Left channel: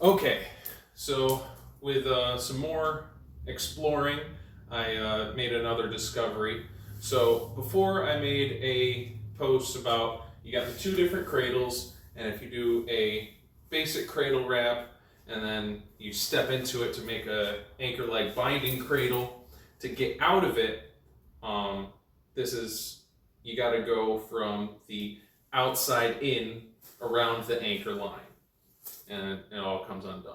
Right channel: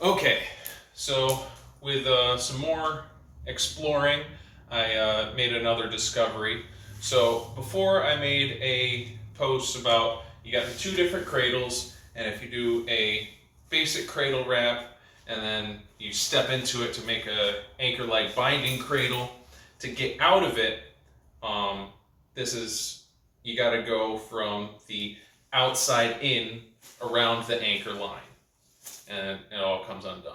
Okay, so with some more exploring, I made another discovery. So before I made a post about you got the two different cradles, and if you do a basic cradle wrap and then you step into it to make a anchor-like binding cradle, to get out of it, this is you got to go from the outside in around the anchor line and it all comes undone.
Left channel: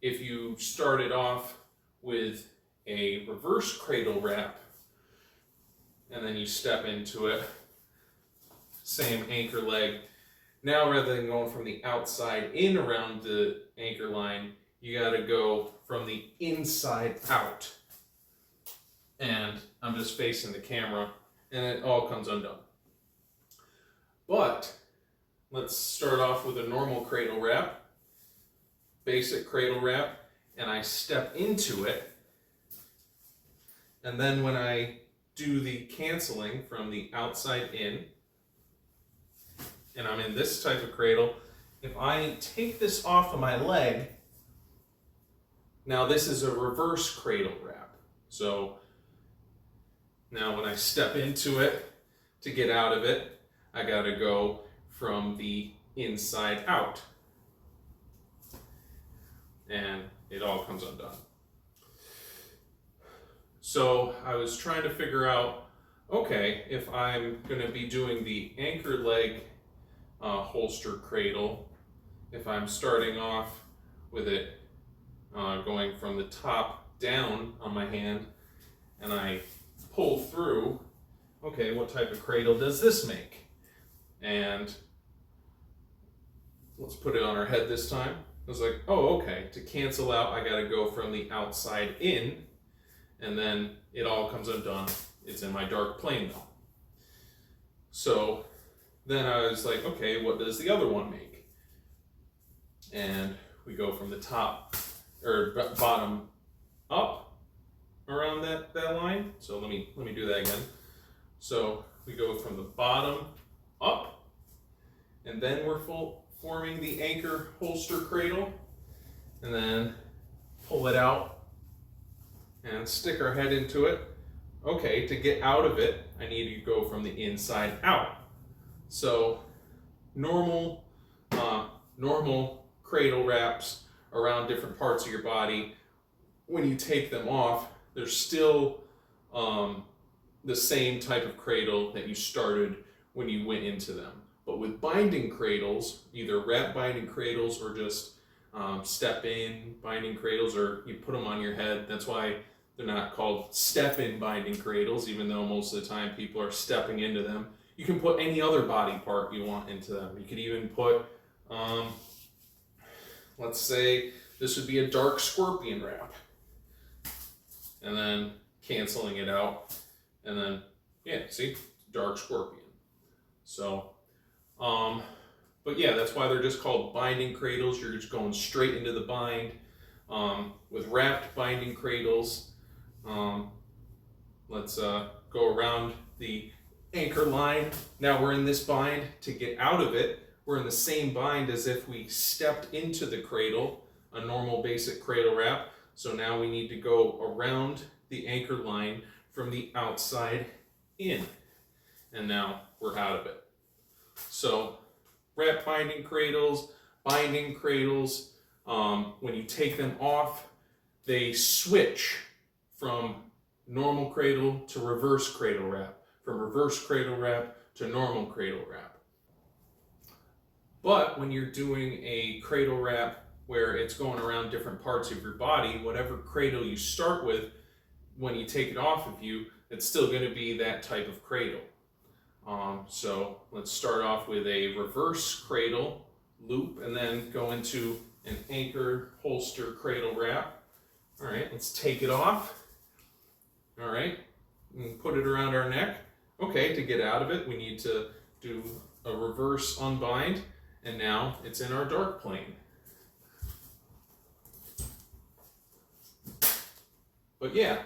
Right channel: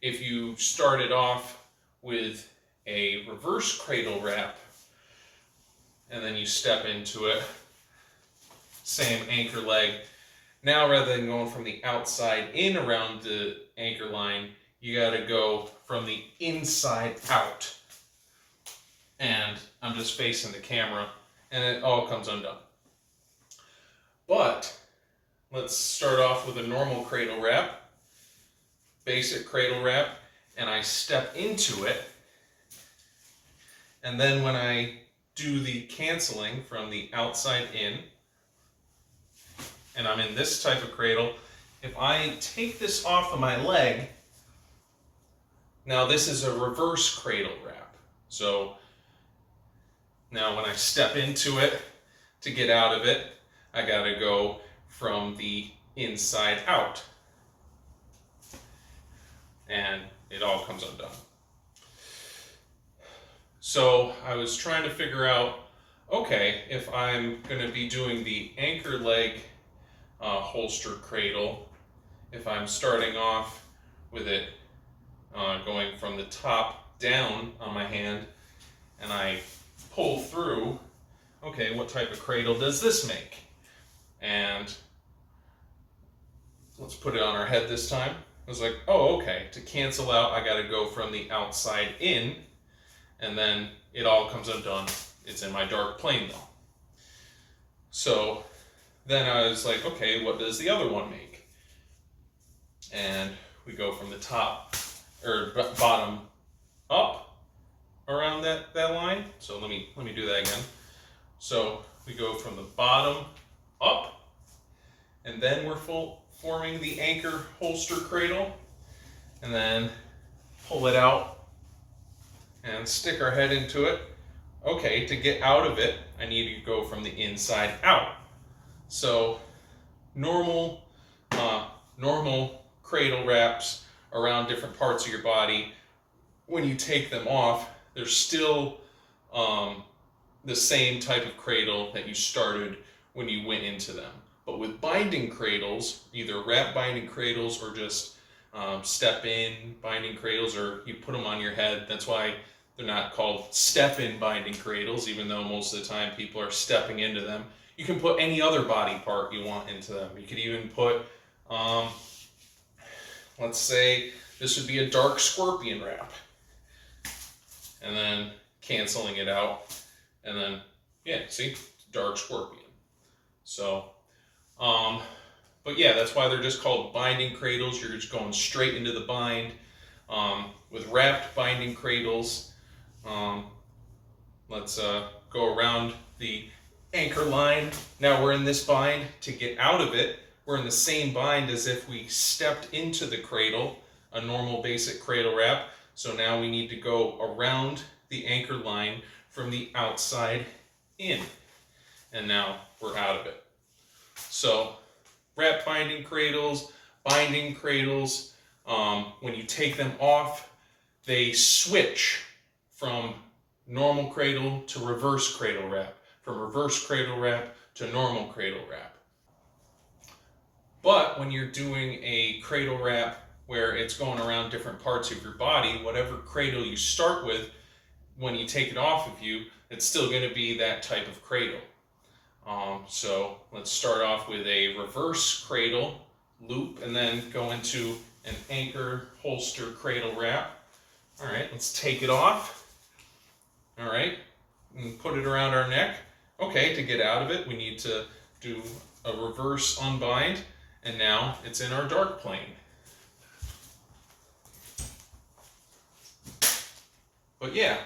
If you started off with a reverse cradle wrap and then you step into it, same anchor leg. Now rather than going from the outside in around the anchor line, you got to go from the inside out. And I'm just facing the camera and it all comes undone. But let's start off with a normal cradle wrap. Basic cradle wrap, and I step into it, and then when I do the canceling from the outside in, and I'm in this type of cradle, if I take this off of my leg, now this is a reverse cradle wrap. So now when I step into it to get out of it, I gotta go from the inside out. And it all comes undone. So I was trying to figure out, okay, if I'm going to be doing the anchor leg holster cradle, if I'm starting off with it going from the top down on my hand and I pull through, okay, what type of cradle does this make? And let's put it on our head this time. I was like, oh, okay, to cancel out, I gotta go from the outside in, and then it all comes undone. It's in my dark plane though. So then I was like, okay, what does the other one make? And we go from the top, or bottom up around that line. So let me do that again. So we go from the bottom up, and then we're forming the anchor holster cradle, and then pull it out and stick our head into it. Okay, to get out of it, I need to go from the inside out. So normal cradle wraps around different parts of your body, when you take them off, they're still the same type of cradle that you started when you went into them. But with binding cradles, either wrap binding cradles or just step in binding cradles, or you put them on your head. That's why they're not called step in binding cradles, even though most of the time people are stepping into them. You can put any other body part you want into them. You could even put, let's say this would be a dark scorpion wrap, and then canceling it out, and then, yeah, see, dark scorpion. So, but yeah, that's why they're just called binding cradles. You're just going straight into the bind. With wrapped binding cradles, let's go around the anchor line. Now we're in this bind. To get out of it, we're in the same bind as if we stepped into the cradle, a normal basic cradle wrap. So now we need to go around the anchor line from the outside in. And now we're out of it. So wrap binding cradles, when you take them off, they switch from normal cradle to reverse cradle wrap, from reverse cradle wrap to normal cradle wrap. But when you're doing a cradle wrap where it's going around different parts of your body, whatever cradle you start with, when you take it off of you, it's still going to be that type of cradle. So let's start off with a reverse cradle loop and then go into an anchor holster cradle wrap. All right, let's take it off. All right, and put it around our neck. Okay, to get out of it, we need to do a reverse unbind, and now it's in our dark plane. But yeah,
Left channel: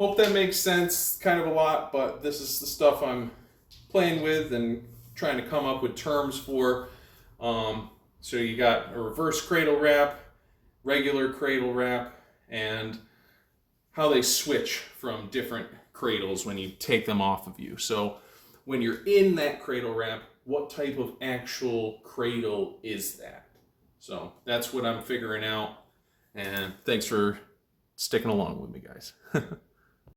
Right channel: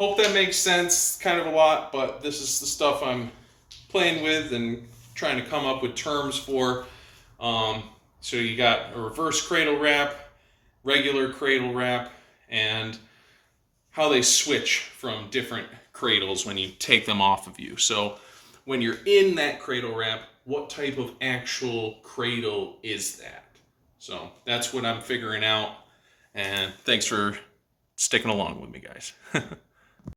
hope that makes sense. Kind of a lot, but this is the stuff I'm playing with and trying to come up with terms for. So you got a reverse cradle wrap, regular cradle wrap, and how they switch from different cradles when you take them off of you. So when you're in that cradle wrap, what type of actual cradle is that? So that's what I'm figuring out. And thanks for sticking along with me, guys.